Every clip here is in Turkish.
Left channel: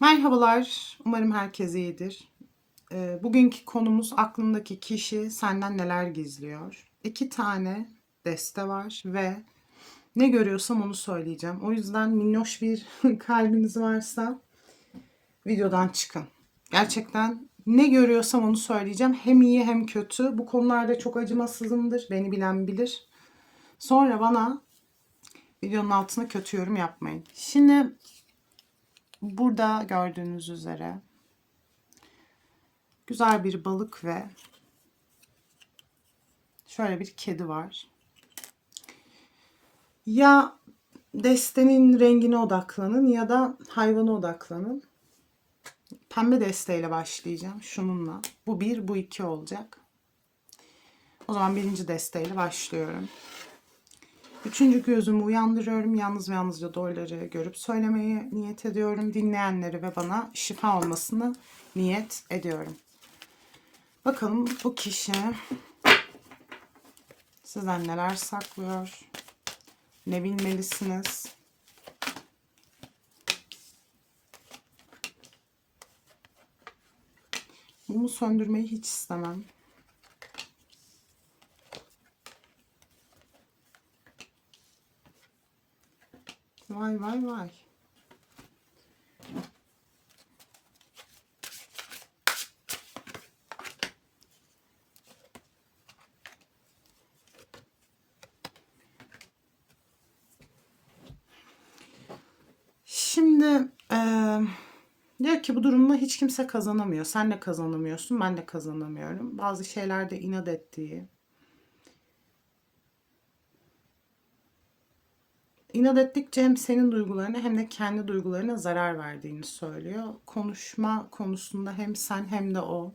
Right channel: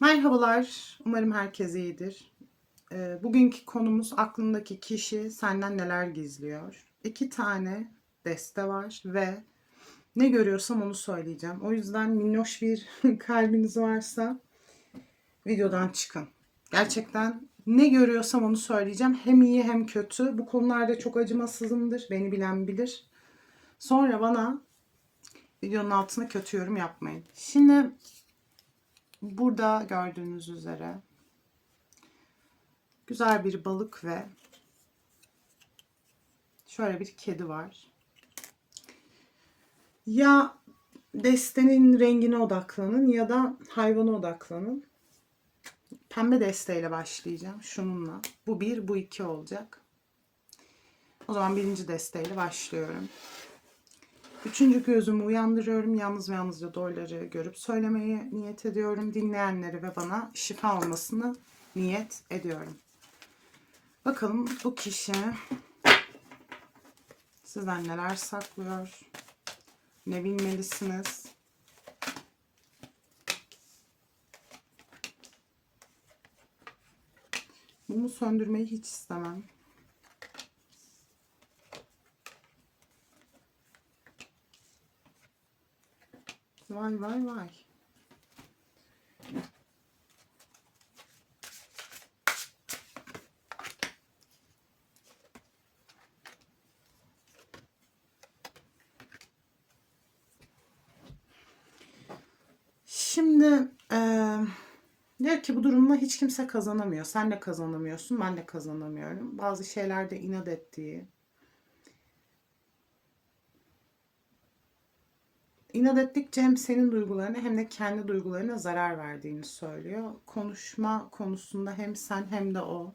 Merhabalar, umarım herkes iyidir. Ee, bugünkü konumuz aklındaki kişi senden neler gizliyor. İki tane deste var ve ne görüyorsam onu söyleyeceğim. O yüzden minnoş bir kalbiniz varsa videodan çıkın. Gerçekten ne görüyorsam onu söyleyeceğim. Hem iyi hem kötü. Bu konularda çok acımasızımdır. Beni bilen bilir. Sonra bana videonun altına kötü yorum yapmayın. Şimdi Burada gördüğünüz üzere güzel bir balık ve şöyle bir kedi var. Ya destenin rengine odaklanın ya da hayvana odaklanın. Pembe desteyle başlayacağım şununla. Bu bir, bu iki olacak. O zaman birinci desteyle başlıyorum. Üçüncü gözümü uyandırıyorum. Yalnız ve yalnızca doğruları görüp söylemeyi niyet ediyorum. Dinleyenleri ve bana şifa olmasını niyet ediyorum. Bakalım bu kişi sizden neler saklıyor? Ne bilmelisiniz? Mumu söndürmeyi hiç istemem. Vay vay vay. Şimdi eee diyor ki bu durumda hiç kimse kazanamıyor. Sen de kazanamıyorsun, ben de kazanamıyorum. Bazı şeylerde inat ettiği, İnat ettikçe hem senin duygularına hem de kendi duygularına zarar verdiğini söylüyor. Konuşma konusunda hem sen hem de o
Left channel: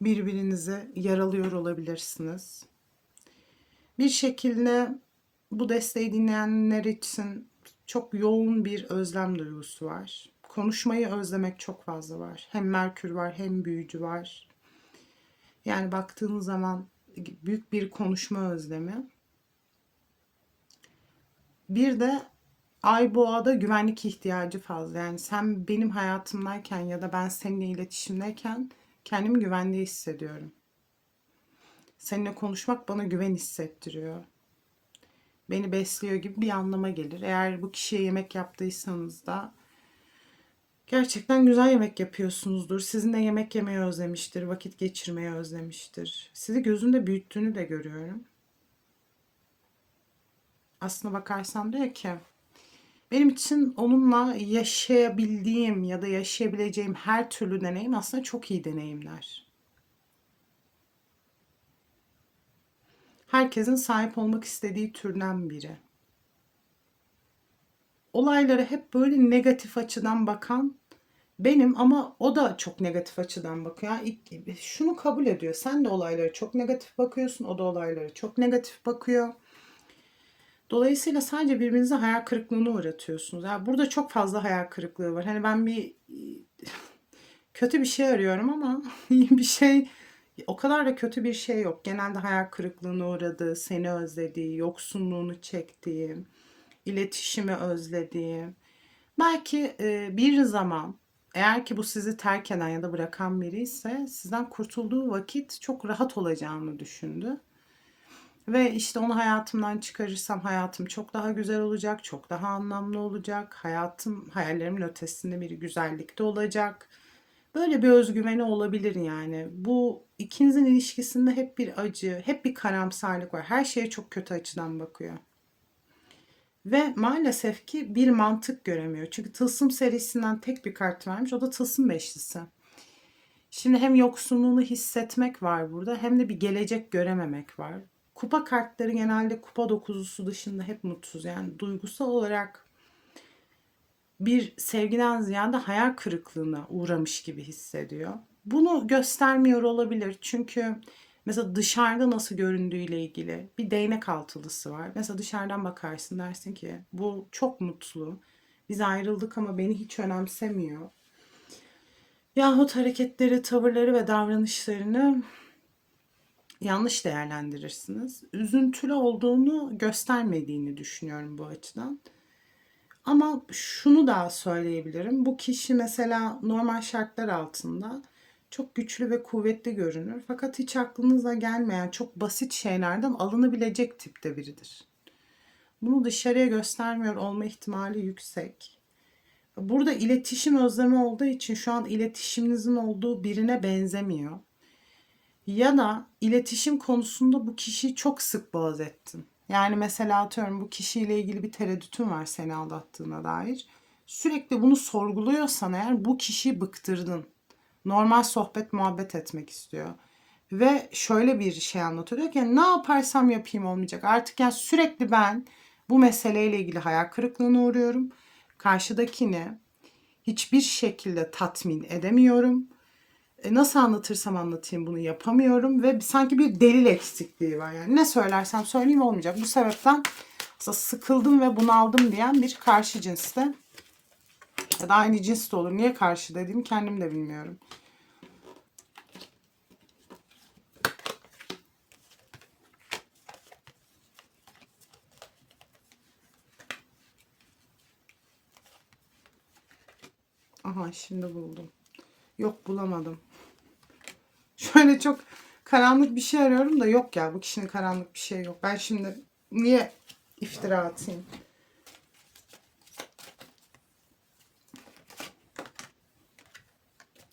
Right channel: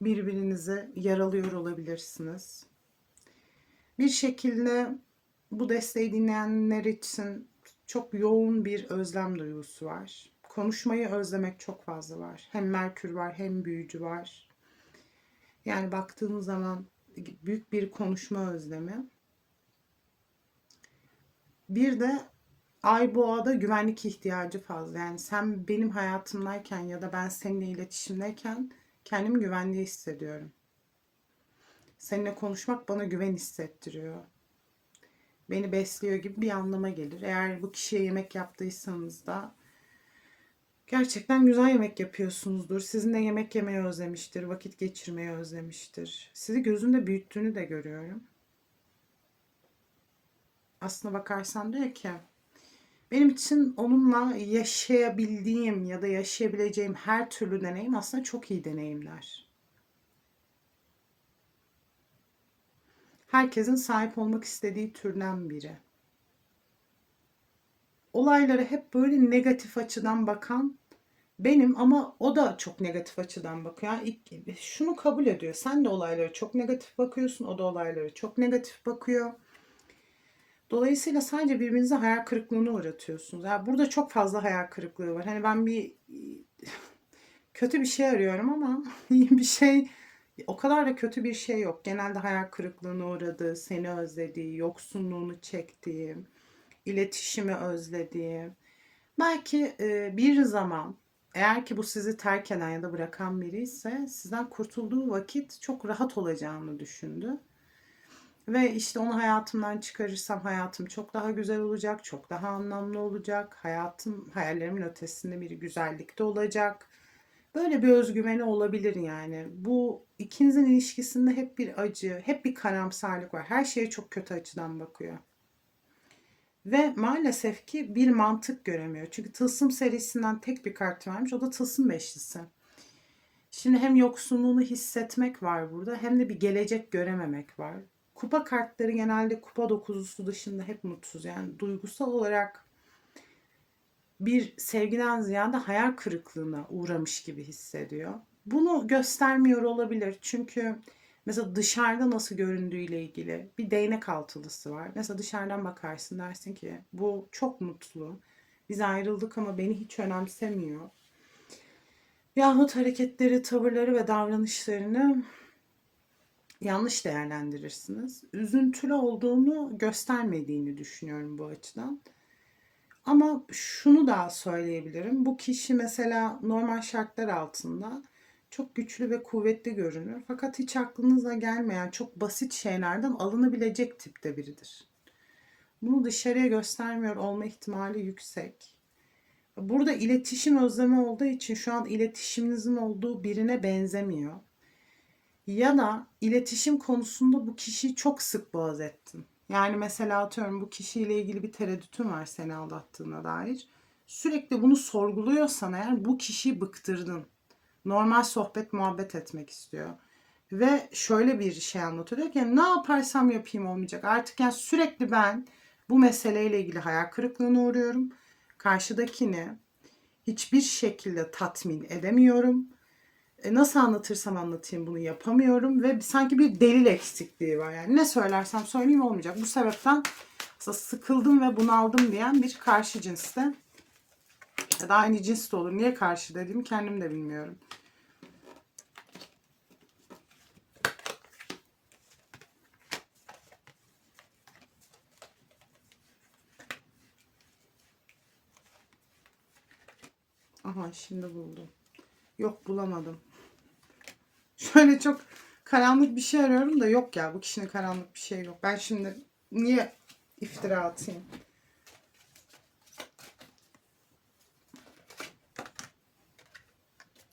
birbirinizi yaralıyor olabilirsiniz. Bir şekilde bu desteği dinleyenler için çok yoğun bir özlem duygusu var. Konuşmayı özlemek çok fazla var. Hem Merkür var hem büyücü var. Yani baktığınız zaman büyük bir konuşma özlemi. Bir de Ay boğada güvenlik ihtiyacı fazla. Yani sen benim hayatımdayken ya da ben seninle iletişimdeyken kendimi güvende hissediyorum. Seninle konuşmak bana güven hissettiriyor. Beni besliyor gibi bir anlama gelir. Eğer bu kişiye yemek yaptıysanız da gerçekten güzel yemek yapıyorsunuzdur. Sizinle yemek yemeyi özlemiştir, vakit geçirmeyi özlemiştir. Sizi gözünde büyüttüğünü de görüyorum aslına bakarsan diyor ki benim için onunla yaşayabildiğim ya da yaşayabileceğim her türlü deneyim aslında çok iyi deneyimler. Herkesin sahip olmak istediği türden biri. Olaylara hep böyle negatif açıdan bakan benim ama o da çok negatif açıdan bakıyor. Yani şunu kabul ediyor. Sen de olaylara çok negatif bakıyorsun. O da olaylara çok negatif bakıyor. Dolayısıyla sadece birbirinize hayal kırıklığına uğratıyorsunuz. Yani burada çok fazla hayal kırıklığı var. Hani ben bir kötü bir şey arıyorum ama bir şey o kadar da kötü bir şey yok. Genelde hayal kırıklığına uğradığı, seni özlediği, yoksunluğunu çektiği, iletişimi özlediği. Belki e, bir zaman eğer ki bu sizi terk eden ya da bırakan biri ise sizden kurtulduğu vakit çok rahat olacağını düşündü. Ve işte onu hayatımdan çıkarırsam hayatım çok daha güzel olacak, çok daha anlamlı olacak. Hayatım hayallerimin ötesinde bir güzellikte olacak. Böyle bir özgüveni olabilir yani. Bu ikinizin ilişkisinde hep bir acı, hep bir karamsarlık var. Her şeye çok kötü açıdan bakıyor. Ve maalesef ki bir mantık göremiyor. Çünkü Tılsım serisinden tek bir kart vermiş. O da Tılsım Beşlisi. Şimdi hem yoksunluğunu hissetmek var burada hem de bir gelecek görememek var. Kupa kartları genelde kupa dokuzusu dışında hep mutsuz. Yani duygusal olarak bir sevgiden ziyade hayal kırıklığına uğramış gibi hissediyor. Bunu göstermiyor olabilir. Çünkü mesela dışarıda nasıl göründüğüyle ilgili bir değnek altılısı var. Mesela dışarıdan bakarsın dersin ki bu çok mutlu. Biz ayrıldık ama beni hiç önemsemiyor. Yahut hareketleri, tavırları ve davranışlarını yanlış değerlendirirsiniz. Üzüntülü olduğunu göstermediğini düşünüyorum bu açıdan. Ama şunu da söyleyebilirim. Bu kişi mesela normal şartlar altında çok güçlü ve kuvvetli görünür. Fakat hiç aklınıza gelmeyen çok basit şeylerden alınabilecek tipte biridir. Bunu dışarıya göstermiyor olma ihtimali yüksek. Burada iletişim özlemi olduğu için şu an iletişiminizin olduğu birine benzemiyor. Ya da iletişim konusunda bu kişiyi çok sık boğaz ettin. Yani mesela atıyorum bu kişiyle ilgili bir tereddütün var seni aldattığına dair. Sürekli bunu sorguluyorsan eğer bu kişiyi bıktırdın. Normal sohbet muhabbet etmek istiyor. Ve şöyle bir şey anlatıyor. Diyor ki ne yaparsam yapayım olmayacak. Artık yani sürekli ben bu meseleyle ilgili hayal kırıklığına uğruyorum. Karşıdakini hiçbir şekilde tatmin edemiyorum. E, nasıl anlatırsam anlatayım bunu yapamıyorum ve sanki bir delil eksikliği var. Yani ne söylersem söyleyeyim olmayacak. Bu sebepten sıkıldım ve bunaldım diyen bir karşı cinste ya da aynı cins de olur. Niye karşı dediğimi kendim de bilmiyorum. Aha şimdi buldum. Yok bulamadım. Şöyle çok karanlık bir şey arıyorum da yok ya bu kişinin karanlık bir şey yok. Ben şimdi niye iftira atayım?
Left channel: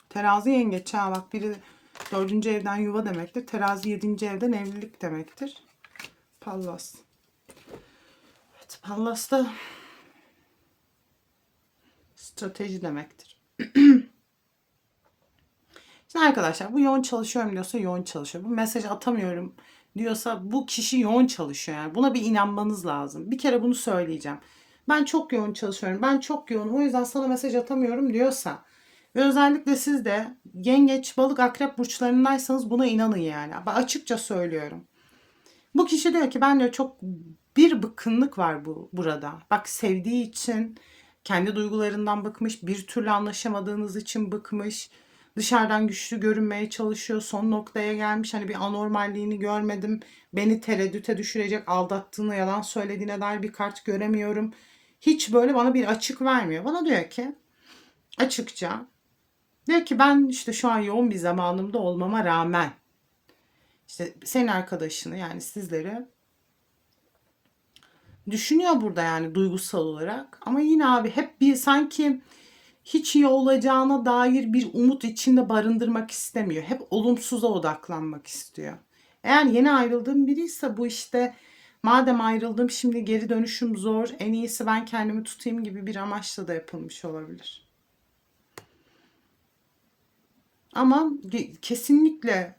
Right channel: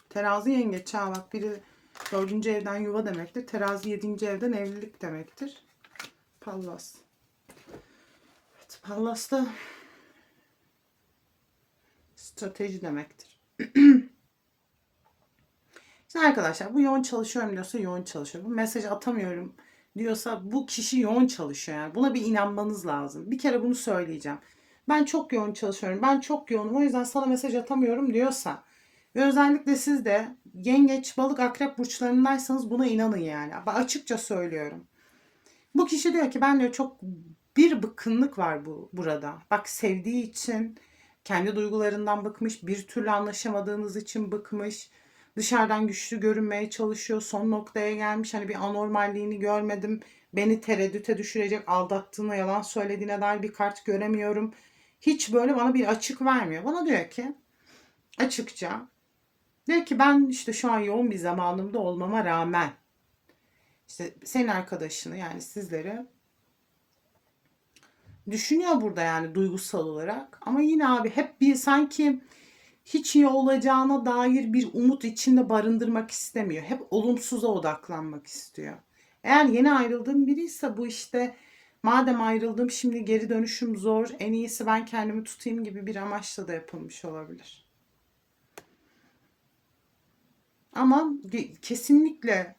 Terazi yengeç ha bak biri dördüncü evden yuva demektir. Terazi yedinci evden evlilik demektir. Pallas. Evet Pallas da strateji demektir. Şimdi arkadaşlar bu yoğun çalışıyorum diyorsa yoğun çalışıyor. Bu mesaj atamıyorum diyorsa bu kişi yoğun çalışıyor. Yani buna bir inanmanız lazım. Bir kere bunu söyleyeceğim. Ben çok yoğun çalışıyorum. Ben çok yoğunum. O yüzden sana mesaj atamıyorum diyorsa ve özellikle siz de yengeç, balık, akrep burçlarındaysanız buna inanın yani. Ben açıkça söylüyorum. Bu kişi diyor ki ben diyor çok bir bıkkınlık var bu burada. Bak sevdiği için kendi duygularından bıkmış, bir türlü anlaşamadığınız için bıkmış dışarıdan güçlü görünmeye çalışıyor. Son noktaya gelmiş. Hani bir anormalliğini görmedim. Beni tereddüte düşürecek, aldattığını, yalan söylediğine dair bir kart göremiyorum. Hiç böyle bana bir açık vermiyor. Bana diyor ki açıkça diyor ki ben işte şu an yoğun bir zamanımda olmama rağmen işte senin arkadaşını yani sizleri düşünüyor burada yani duygusal olarak. Ama yine abi hep bir sanki hiç iyi olacağına dair bir umut içinde barındırmak istemiyor. Hep olumsuza odaklanmak istiyor. Eğer yeni ayrıldığım biri ise bu işte madem ayrıldım şimdi geri dönüşüm zor en iyisi ben kendimi tutayım gibi bir amaçla da yapılmış olabilir. Ama kesinlikle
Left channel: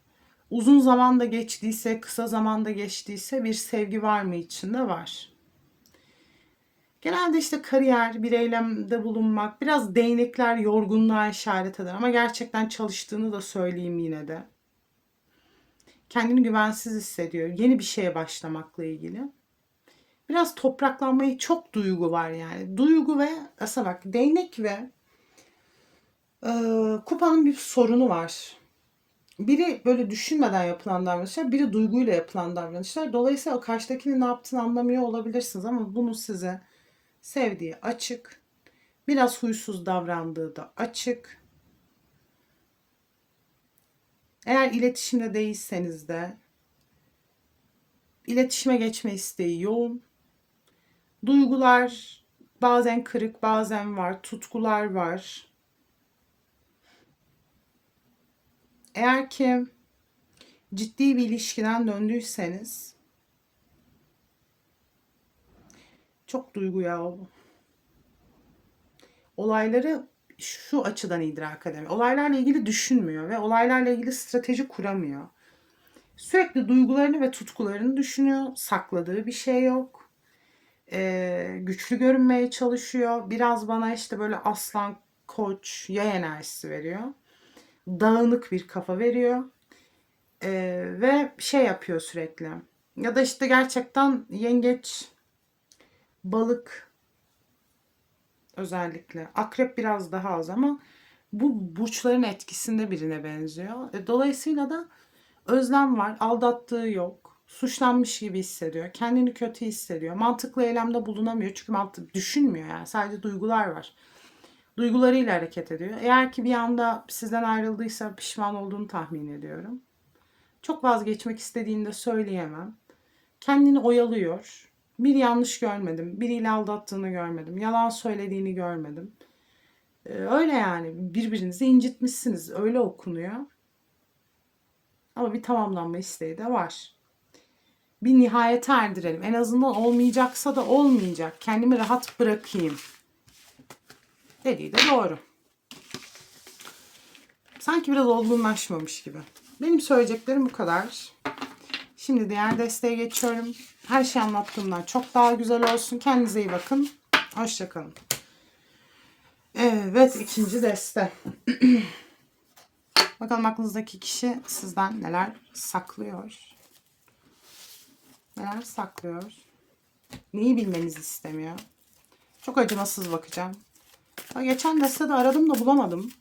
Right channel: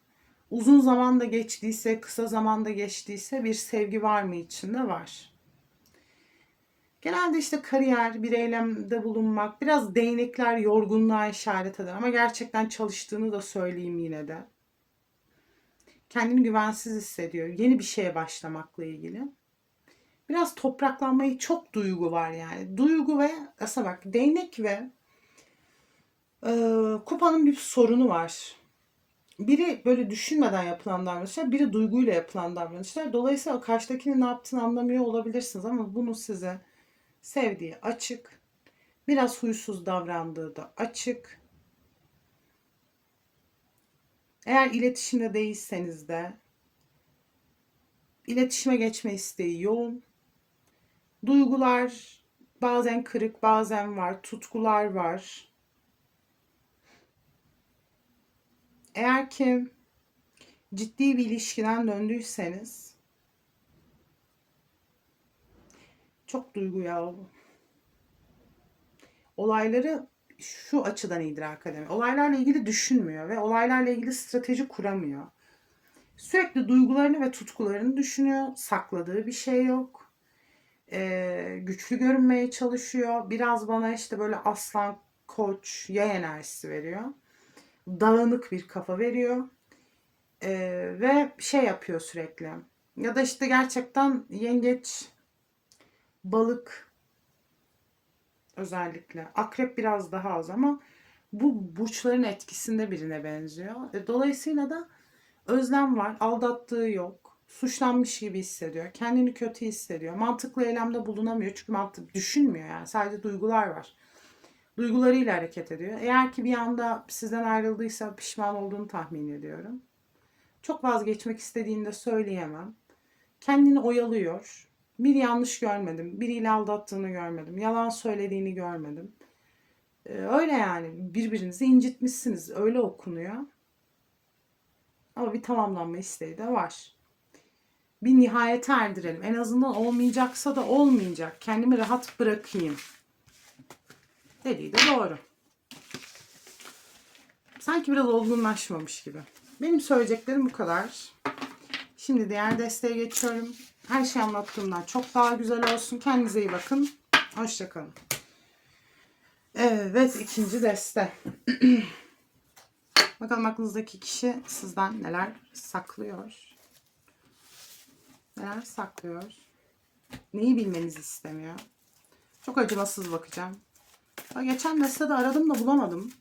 uzun zamanda geçtiyse, kısa zamanda geçtiyse bir sevgi var mı içinde var. Genelde işte kariyer, bir eylemde bulunmak, biraz değnekler yorgunluğa işaret eder ama gerçekten çalıştığını da söyleyeyim yine de. Kendini güvensiz hissediyor. Yeni bir şeye başlamakla ilgili. Biraz topraklanmayı çok duygu var yani. Duygu ve aslında bak değnek ve e, kupanın bir sorunu var. Biri böyle düşünmeden yapılan davranışlar, biri duyguyla yapılan davranışlar. Dolayısıyla karşıdakinin ne yaptığını anlamıyor olabilirsiniz ama bunu size sevdiği açık. Biraz huysuz davrandığı da açık. Eğer iletişimde değilseniz de iletişime geçme isteği yoğun. Duygular bazen kırık, bazen var. Tutkular var. Eğer ki ciddi bir ilişkiden döndüyseniz Çok duygu ya. Olayları şu açıdan idrak edemiyor. Olaylarla ilgili düşünmüyor ve olaylarla ilgili strateji kuramıyor. Sürekli duygularını ve tutkularını düşünüyor. Sakladığı bir şey yok. Ee, güçlü görünmeye çalışıyor. Biraz bana işte böyle aslan, koç, yay enerjisi veriyor. Dağınık bir kafa veriyor. Ee, ve şey yapıyor sürekli. Ya da işte gerçekten yengeç balık özellikle. Akrep biraz daha az ama bu burçların etkisinde birine benziyor. E, dolayısıyla da özlem var. Aldattığı yok. Suçlanmış gibi hissediyor. Kendini kötü hissediyor. Mantıklı eylemde bulunamıyor. Çünkü mantık düşünmüyor yani. Sadece duygular var. Duygularıyla hareket ediyor. Eğer ki bir anda sizden ayrıldıysa pişman olduğunu tahmin ediyorum. Çok vazgeçmek istediğini de söyleyemem. Kendini oyalıyor. Bir yanlış görmedim. Biriyle aldattığını görmedim. Yalan söylediğini görmedim. Ee, öyle yani. Birbirinizi incitmişsiniz. Öyle okunuyor. Ama bir tamamlanma isteği de var. Bir nihayete erdirelim. En azından olmayacaksa da olmayacak. Kendimi rahat bırakayım. Dediği de doğru. Sanki biraz olgunlaşmamış gibi. Benim söyleyeceklerim bu kadar. Şimdi diğer desteğe geçiyorum. Her şey anlattığımdan çok daha güzel olsun. Kendinize iyi bakın. Hoşçakalın. Evet ikinci deste. Bakalım aklınızdaki kişi sizden neler saklıyor. Neler saklıyor. Neyi bilmenizi istemiyor. Çok acımasız bakacağım. Ya geçen destede aradım da bulamadım.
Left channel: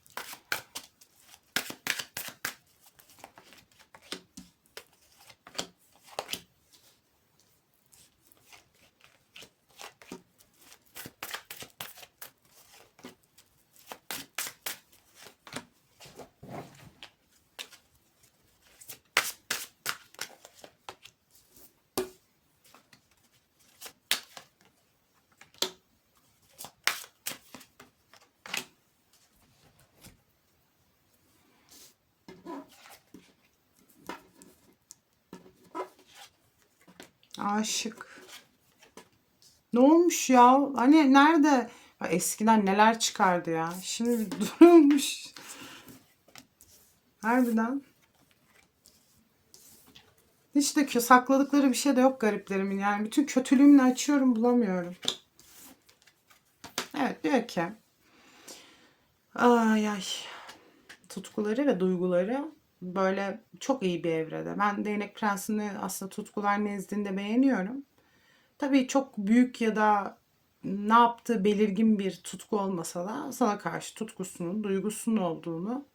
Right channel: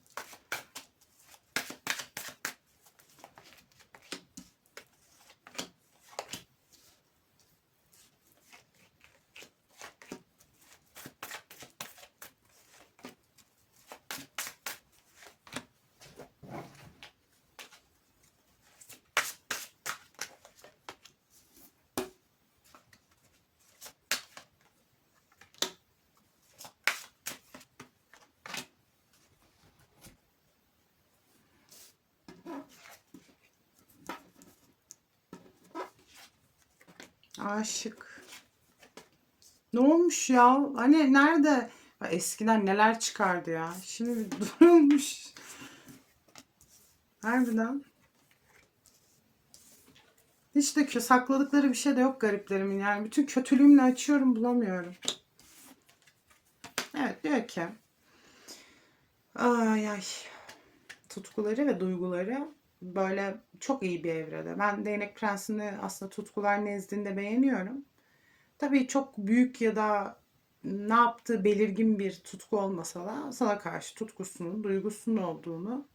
Aşık. Ne olmuş ya? Hani nerede? Eskiden neler çıkardı ya. Şimdi durmuş. Harbiden. Hiç de sakladıkları bir şey de yok gariplerimin. Yani bütün kötülüğümle açıyorum bulamıyorum. Evet diyor ki. Ay ay. Tutkuları ve duyguları böyle çok iyi bir evrede. Ben Değnek Prensi'ni aslında tutkular nezdinde beğeniyorum. Tabii çok büyük ya da ne yaptığı belirgin bir tutku olmasa da sana karşı tutkusunun, duygusunun olduğunu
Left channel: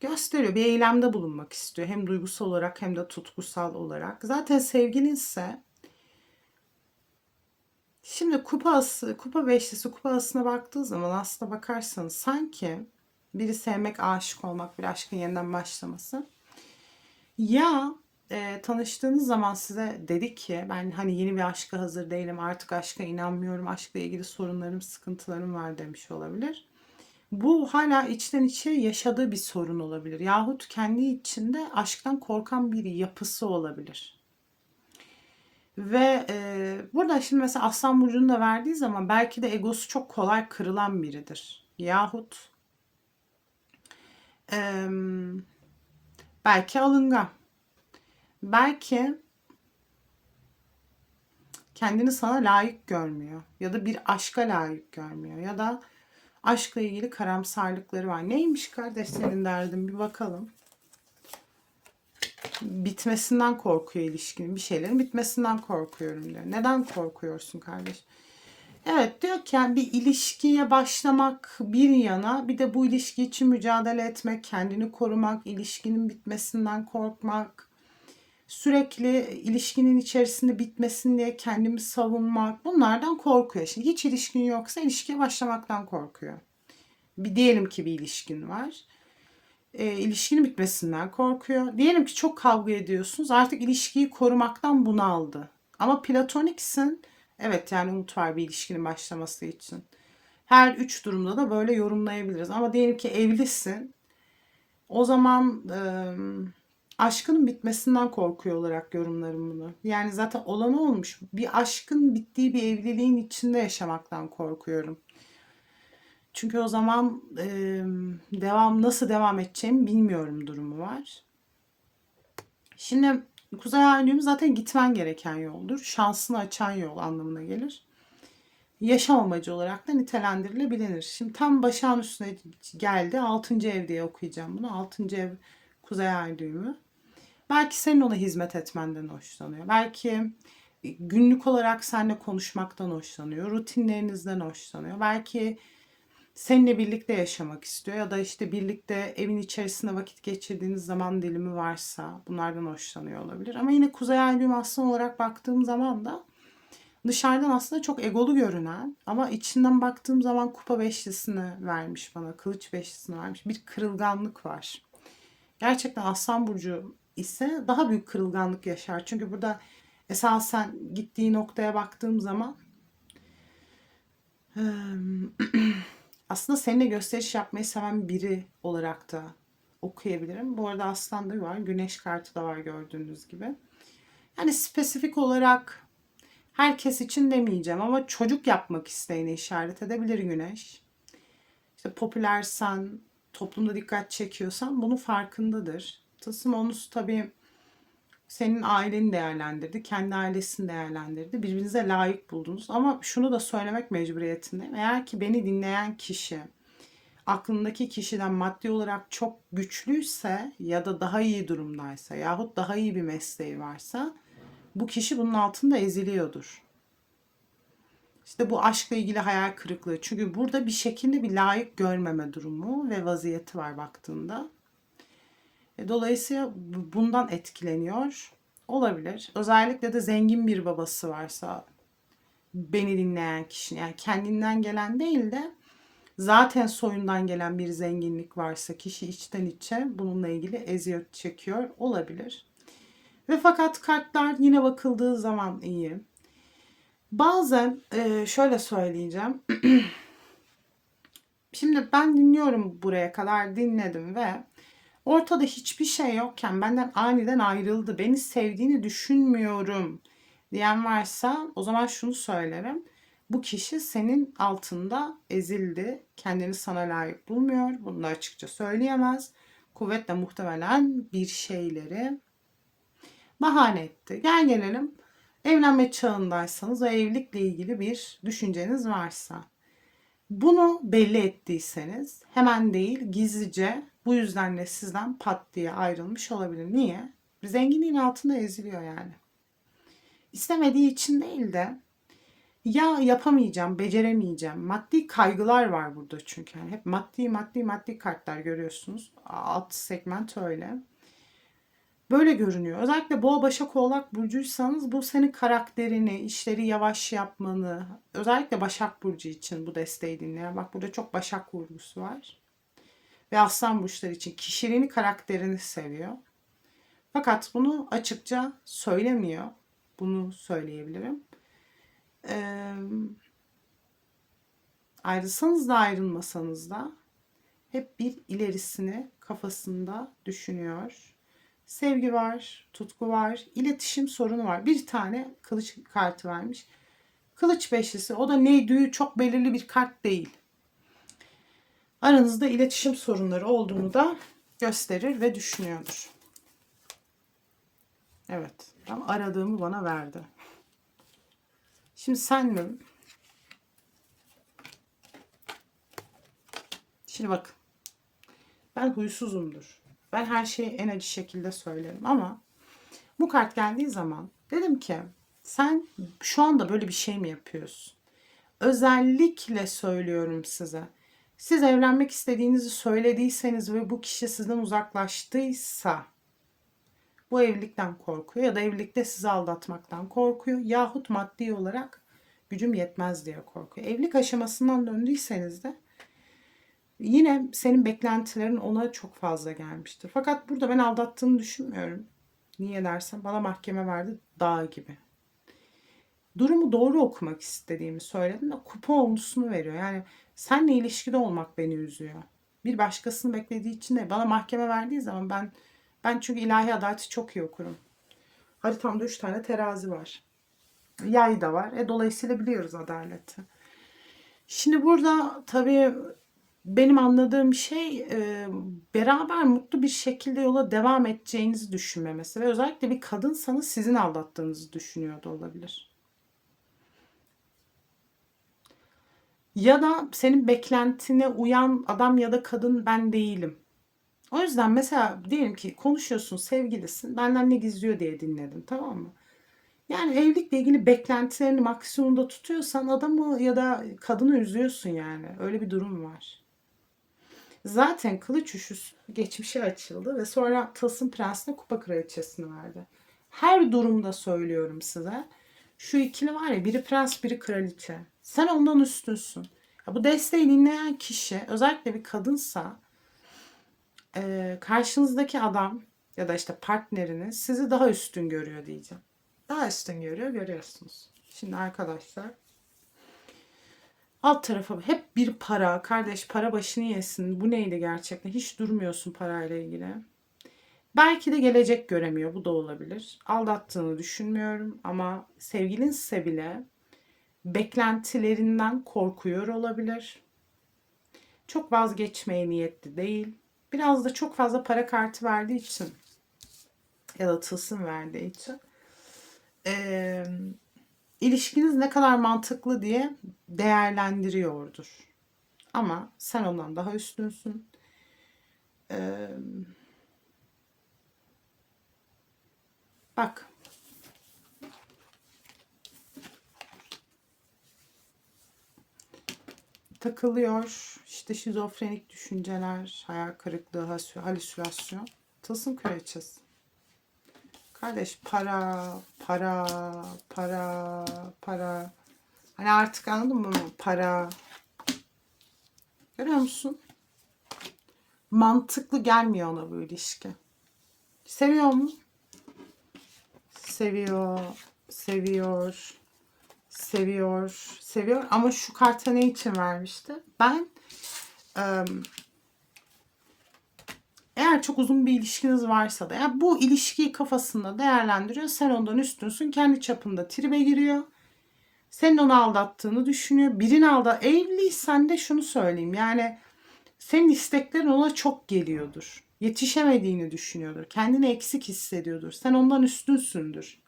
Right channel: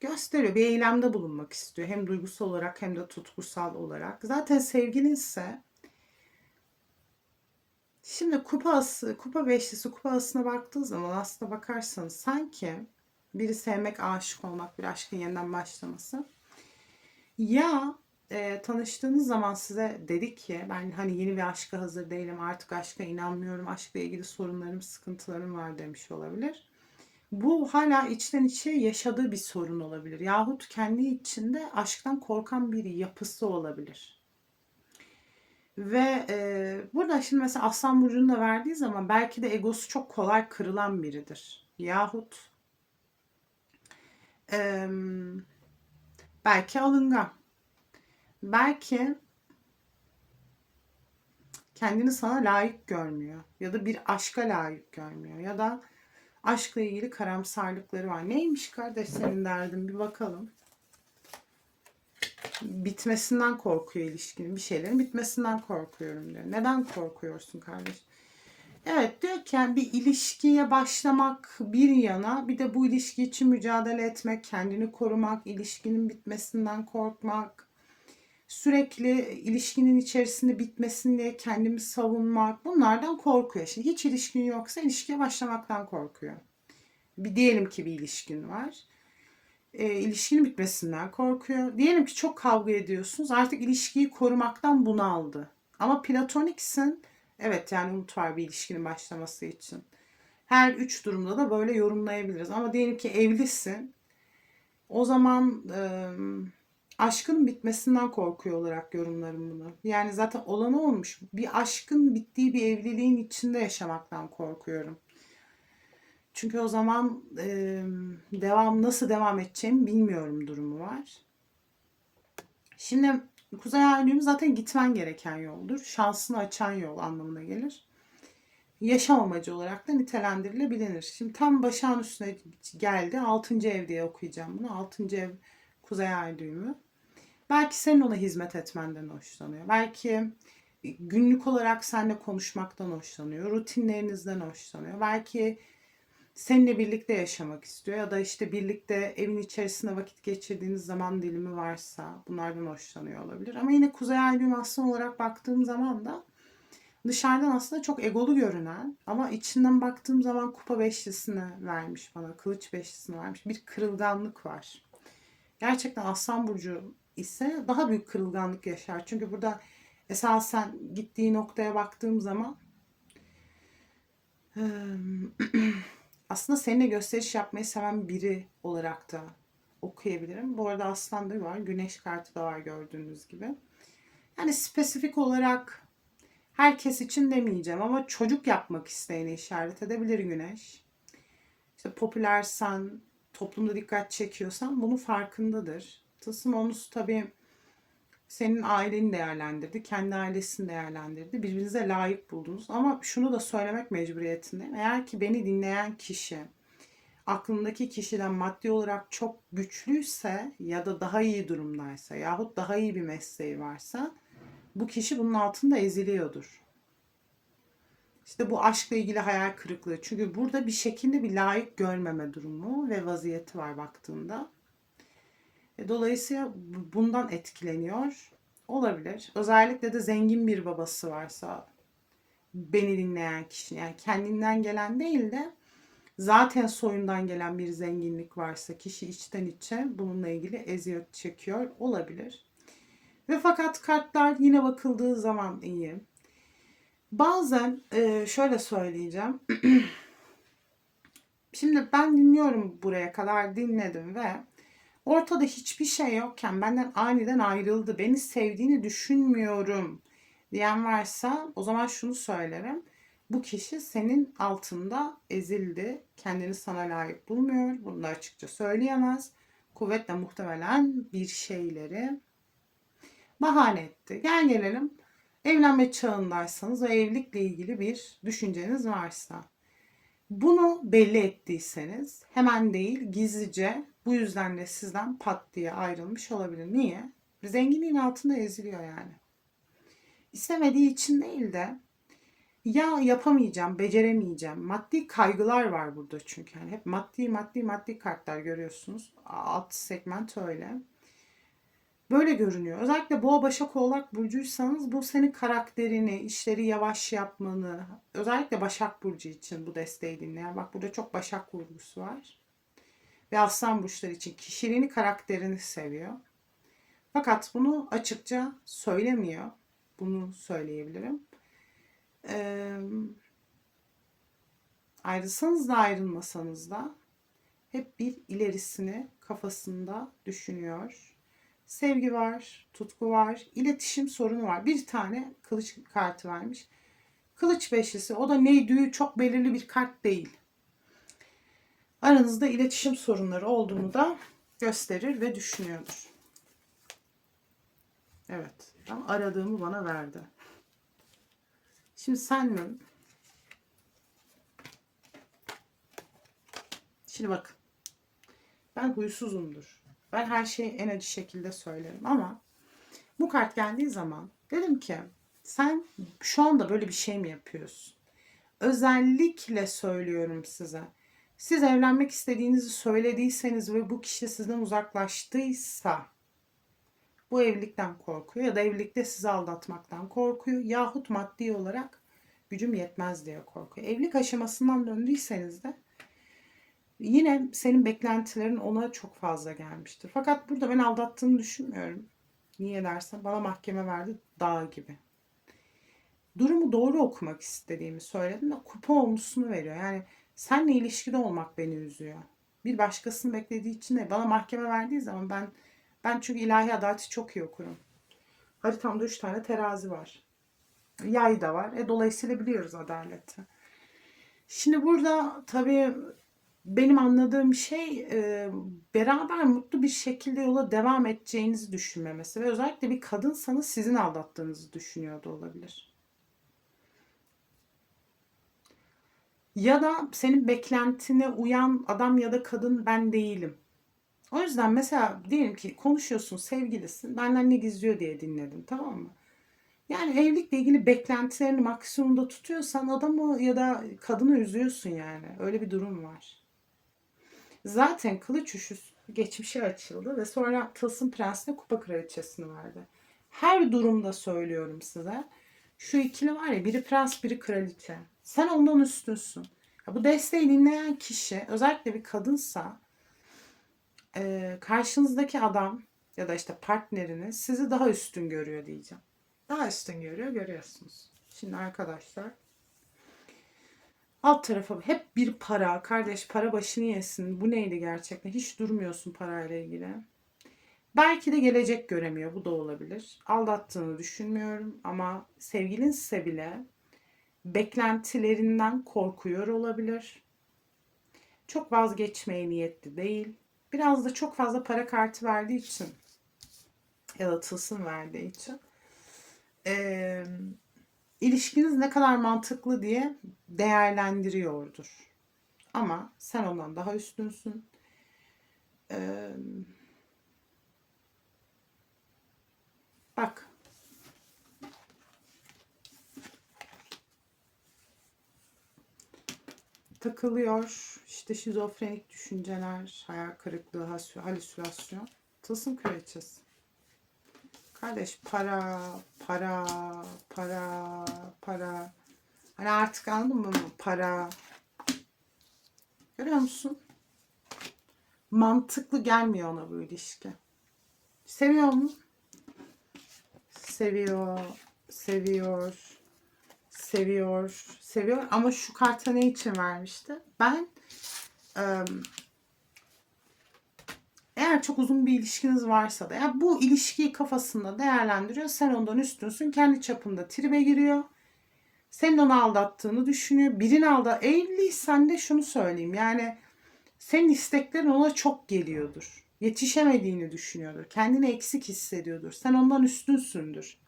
gösteriyor. Bir eylemde bulunmak istiyor. Hem duygusal olarak hem de tutkusal olarak. Zaten sevgilinse şimdi kupa ası, kupa beşlisi kupa asına baktığı zaman aslına bakarsanız sanki biri sevmek, aşık olmak, bir aşkın yeniden başlaması. Ya e, tanıştığınız zaman size dedi ki ben hani yeni bir aşka hazır değilim, artık aşka inanmıyorum, aşkla ilgili sorunlarım, sıkıntılarım var demiş olabilir. Bu hala içten içe yaşadığı bir sorun olabilir. Yahut kendi içinde aşktan korkan bir yapısı olabilir. Ve e, burada şimdi mesela Aslan Burcu'nu da verdiği zaman belki de egosu çok kolay kırılan biridir. Yahut e, belki alıngan. Belki kendini sana layık görmüyor. Ya da bir aşka layık görmüyor. Ya da aşkla ilgili karamsarlıkları var. Neymiş kardeş senin derdin bir bakalım. Bitmesinden korkuyor ilişkinin. Bir şeylerin bitmesinden korkuyorum diyor. Neden korkuyorsun kardeş? Evet diyor ki yani bir ilişkiye başlamak bir yana bir de bu ilişki için mücadele etmek, kendini korumak, ilişkinin bitmesinden korkmak, sürekli ilişkinin içerisinde bitmesin diye kendimi savunmak bunlardan korkuyor. Şimdi hiç ilişkin yoksa ilişkiye başlamaktan korkuyor. Bir diyelim ki bir ilişkin var. E, ilişkinin bitmesinden korkuyor. Diyelim ki çok kavga ediyorsunuz. Artık ilişkiyi korumaktan bunaldı. Ama platoniksin. Evet yani umut var bir ilişkinin başlaması için. Her üç durumda da böyle yorumlayabiliriz. Ama diyelim ki evlisin. O zaman e, aşkın bitmesinden korkuyor olarak yorumlarım bunu. Yani zaten olan olmuş. Bir aşkın bittiği bir evliliğin içinde yaşamaktan korkuyorum. Çünkü o zaman e, devam nasıl devam edeceğimi bilmiyorum durumu var. Şimdi Kuzey Ay düğümü zaten gitmen gereken yoldur. Şansını açan yol anlamına gelir. Yaşam amacı olarak da nitelendirilebilir. Şimdi tam başağın üstüne geldi. 6. ev diye okuyacağım bunu. 6. ev Kuzey Ay düğümü. Belki senin ona hizmet etmenden hoşlanıyor. Belki günlük olarak seninle konuşmaktan hoşlanıyor. Rutinlerinizden hoşlanıyor. Belki seninle birlikte yaşamak istiyor ya da işte birlikte evin içerisinde vakit geçirdiğiniz zaman dilimi varsa bunlardan hoşlanıyor olabilir. Ama yine Kuzey Ay düğüm aslan olarak baktığım zaman da dışarıdan aslında çok egolu görünen ama içinden baktığım zaman kupa beşlisini vermiş bana. Kılıç beşlisini vermiş. Bir kırılganlık var. Gerçekten Aslan Burcu ise daha büyük kırılganlık yaşar. Çünkü burada esasen gittiği noktaya baktığım zaman aslında seninle gösteriş yapmayı seven biri olarak da okuyabilirim. Bu arada Aslan da var. Güneş kartı da var gördüğünüz gibi. Yani spesifik olarak herkes için demeyeceğim ama çocuk yapmak isteyene işaret edebilir Güneş. İşte popülersen, toplumda dikkat çekiyorsan bunun farkındadır. Tılsım onusu tabii senin aileni değerlendirdi, kendi ailesini değerlendirdi. Birbirinize layık buldunuz. Ama şunu da söylemek mecburiyetindeyim. Eğer ki beni dinleyen kişi aklındaki kişiden maddi olarak çok güçlüyse ya da daha iyi durumdaysa yahut daha iyi bir mesleği varsa bu kişi bunun altında eziliyordur. İşte bu aşkla ilgili hayal kırıklığı. Çünkü burada bir şekilde bir layık görmeme durumu ve vaziyeti var baktığında. E, Dolayısıyla bu- bundan etkileniyor olabilir. Özellikle de zengin bir babası varsa beni dinleyen kişi yani kendinden gelen değil de zaten soyundan gelen bir zenginlik varsa kişi içten içe bununla ilgili eziyet çekiyor olabilir. Ve fakat kartlar yine bakıldığı zaman iyi. Bazen e, şöyle söyleyeceğim. Şimdi ben dinliyorum buraya kadar dinledim ve ortada hiçbir şey yokken benden aniden ayrıldı. Beni sevdiğini düşünmüyorum diyen varsa o zaman şunu söylerim. Bu kişi senin altında ezildi. Kendini sana layık bulmuyor. Bunu da açıkça söyleyemez. Kuvvetle muhtemelen bir şeyleri bahane etti. Gel gelelim evlenme çağındaysanız ve evlilikle ilgili bir düşünceniz varsa. Bunu belli ettiyseniz hemen değil gizlice bu yüzden de sizden pat diye ayrılmış olabilir. Niye? Zenginliğin altında eziliyor yani. İstemediği için değil de ya yapamayacağım, beceremeyeceğim. Maddi kaygılar var burada çünkü. Yani hep maddi maddi maddi kartlar görüyorsunuz. Alt segment öyle. Böyle görünüyor. Özellikle boğa başak oğlak burcuysanız bu senin karakterini, işleri yavaş yapmanı, özellikle başak burcu için bu desteği dinleyen. Bak burada çok başak vurgusu var. Ve aslan burçları için kişiliğini, karakterini seviyor. Fakat bunu açıkça söylemiyor. Bunu söyleyebilirim. Ee, ayrılsanız da ayrılmasanız da hep bir ilerisini kafasında düşünüyor. Sevgi var, tutku var, iletişim sorunu var. Bir tane kılıç kartı vermiş. Kılıç beşlisi o da neydi çok belirli bir kart değil. Aranızda iletişim sorunları olduğunu da gösterir ve düşünüyordur. Evet, tam aradığımı bana verdi. Şimdi senle Şimdi bak. Ben huysuzumdur. Ben her şeyi en acı şekilde söylerim ama bu kart geldiği zaman dedim ki sen şu anda böyle bir şey mi yapıyorsun? Özellikle söylüyorum size. Siz evlenmek istediğinizi söylediyseniz ve bu kişi sizden uzaklaştıysa bu evlilikten korkuyor ya da evlilikte sizi aldatmaktan korkuyor yahut maddi olarak gücüm yetmez diye korkuyor. Evlilik aşamasından döndüyseniz de yine senin beklentilerin ona çok fazla gelmiştir. Fakat burada ben aldattığını düşünmüyorum. Niye dersen bana mahkeme verdi dağ gibi. Durumu doğru okumak istediğimi söyledim de kupa olmuşunu veriyor. Yani senle ilişkide olmak beni üzüyor. Bir başkasını beklediği için de bana mahkeme verdiği zaman ben ben çünkü ilahi adaleti çok iyi okurum. Haritamda üç tane terazi var. Yay da var. E, dolayısıyla biliyoruz adaleti. Şimdi burada tabii benim anladığım şey e, beraber mutlu bir şekilde yola devam edeceğinizi düşünmemesi ve özellikle bir kadınsanız sizin aldattığınızı düşünüyor olabilir. Ya da senin beklentine uyan adam ya da kadın ben değilim. O yüzden mesela diyelim ki konuşuyorsun sevgilisin benden ne gizliyor diye dinledim tamam mı? Yani evlilikle ilgili beklentilerini maksimumda tutuyorsan adamı ya da kadını üzüyorsun yani. Öyle bir durum var. Zaten kılıç üçüsü geçmişe açıldı ve sonra Tılsım Prensi'ne kupa kraliçesini verdi. Her durumda söylüyorum size. Şu ikili var ya biri prens biri kraliçe. Sen ondan üstünsün. Ya bu desteği dinleyen kişi özellikle bir kadınsa e, karşınızdaki adam ya da işte partneriniz sizi daha üstün görüyor diyeceğim. Daha üstün görüyor görüyorsunuz. Şimdi arkadaşlar alt tarafı hep bir para. Kardeş para başını yesin. Bu neydi gerçekten? Hiç durmuyorsun parayla ilgili. Belki de gelecek göremiyor. Bu da olabilir. Aldattığını düşünmüyorum ama sevgilinse bile beklentilerinden korkuyor olabilir. Çok vazgeçmeye niyetli değil. Biraz da çok fazla para kartı verdiği için ya da tılsım verdiği için eee, ilişkiniz ne kadar mantıklı diye değerlendiriyordur. Ama sen ondan daha üstünsün. Eee, bak takılıyor. İşte şizofrenik düşünceler, hayal kırıklığı, halüsinasyon. Tılsım kraliçesi. Kardeş para, para, para, para. Hani artık anladın mı? Para. Görüyor musun? Mantıklı gelmiyor ona bu ilişki. Seviyor mu? Seviyor, seviyor, seviyor, seviyor. Ama şu karta ne için vermişti? Ben eğer çok uzun bir ilişkiniz varsa da yani bu ilişkiyi kafasında değerlendiriyor. Sen ondan üstünsün. Kendi çapında tribe giriyor. Senin onu aldattığını düşünüyor. Birini aldat. Evliysen de şunu söyleyeyim. Yani senin isteklerin ona çok geliyordur. Yetişemediğini düşünüyordur. Kendini eksik hissediyordur. Sen ondan üstünsündür.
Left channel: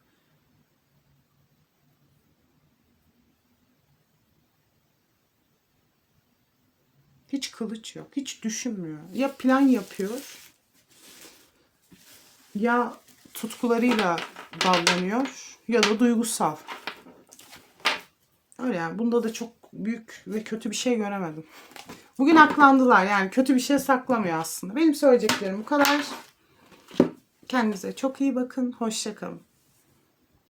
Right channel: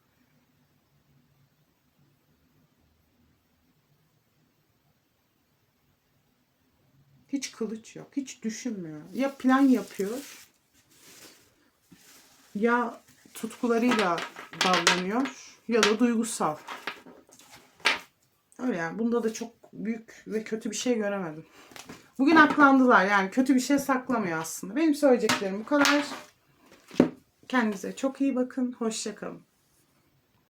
Hiç kılıç yok. Hiç düşünmüyor. Ya plan yapıyor ya tutkularıyla davranıyor ya da duygusal. Öyle yani. Bunda da çok büyük ve kötü bir şey göremedim. Bugün aklandılar. Yani kötü bir şey saklamıyor aslında. Benim söyleyeceklerim bu kadar. Kendinize çok iyi bakın. Hoşçakalın.